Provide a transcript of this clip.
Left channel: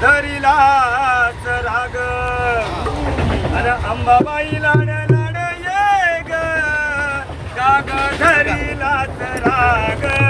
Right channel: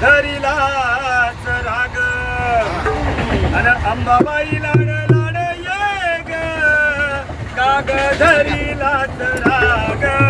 धरिलाच राग. अन अंबाबाई लाड लाड ये ग. काग धरिलाच राग.